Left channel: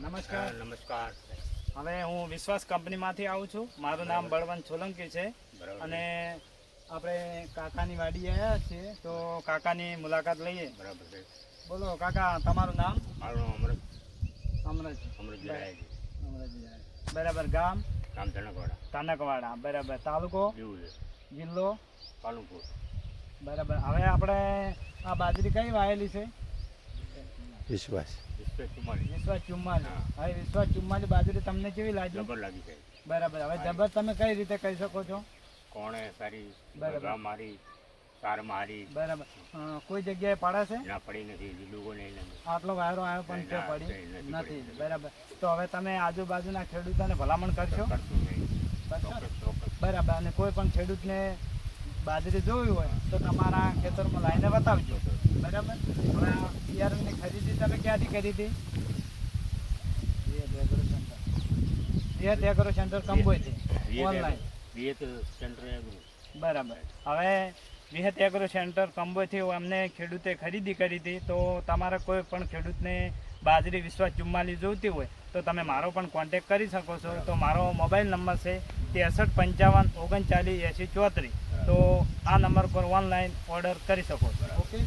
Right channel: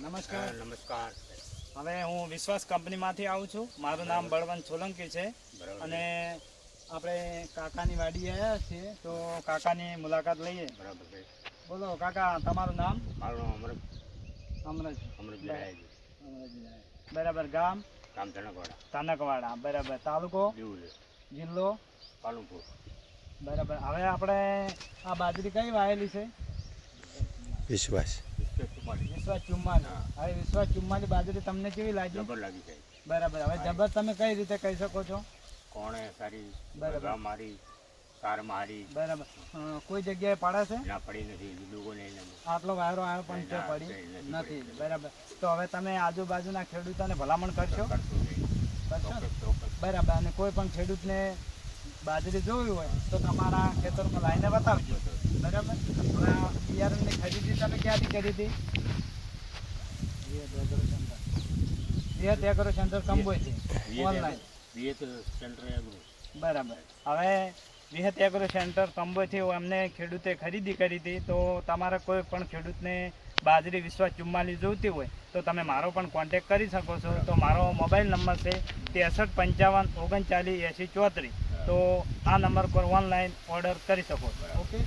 નમસ્કાર. નમસ્કાર. હવે હું વિશ્વાસ કંપનીમાંથી આવું છું. મારું નામ બળવંત સોલંકી છે અને આપણે કાકાની વાડી આવ્યા છીએ તો કાકાની મુલાકાત લઈએ. બરાબર છે. બોલો કાકા, તમારું નામ? મારું નામ અમરજ. અમરજી. બરાબર. ગામ? ગામ ધનકવાડા. તાનકવાડા. બરાબર. તાલુકો? દીવ. જિલ્લો? પાલનપુર. બરાબર. હવે આપણે આ બાજરી કઈ વાયેલી છે? વિશ્વાસ. વિશ્વાસ 44. હવે વિશ્વાસ 44 બાજરી તમને કેવી લાગી? જબર લાગી છે. બરાબર. હવે જબર તમે કઈ રીતે કહી શકો છો? કોણે સારી, બરાબર. મારી કાર મારી. બરાબર. કોઈ જગ્યાએ પડે છે? ના પડી નથી. લીલું નહીં. આટલો વાયરો આવ્યો પણ તે પડી નથી. બરાબર. તો હવે તમે આજુબાજુના ખેડૂતોને ભલામણ કરશો? કરશું નહીં. કરશો? બરાબર. અને કોઈ પણ ખેડૂતને બાજરી જોવી હોય તો તમારા ખેતરમાં લાવીને બતાવજો. બરાબર. હવે આ બિયારણની ખરીદી તમે ક્યાંથી કરી હતી? વિહત એગ્રો સેન્ટર કંબોઈથી ઓનલાઈન. બરાબર. હવે વિહત એગ્રો સેન્ટર કંબોઈથી અમને ખેડૂતે ખરીદી કરી હતી. તો તમારે કોઈ પણ ખેડૂતને બાજરી વિશ્વાસ 44 જોઈતી હોય તો તમે મારો પણ કોન્ટેક કરી શકો છો. તો મારો મોબાઈલ નંબર છે 63 55 39 80 34. તો આ નંબર પર ઓનલાઈન ઓર્ડર કરી શકો છો. ઓકે.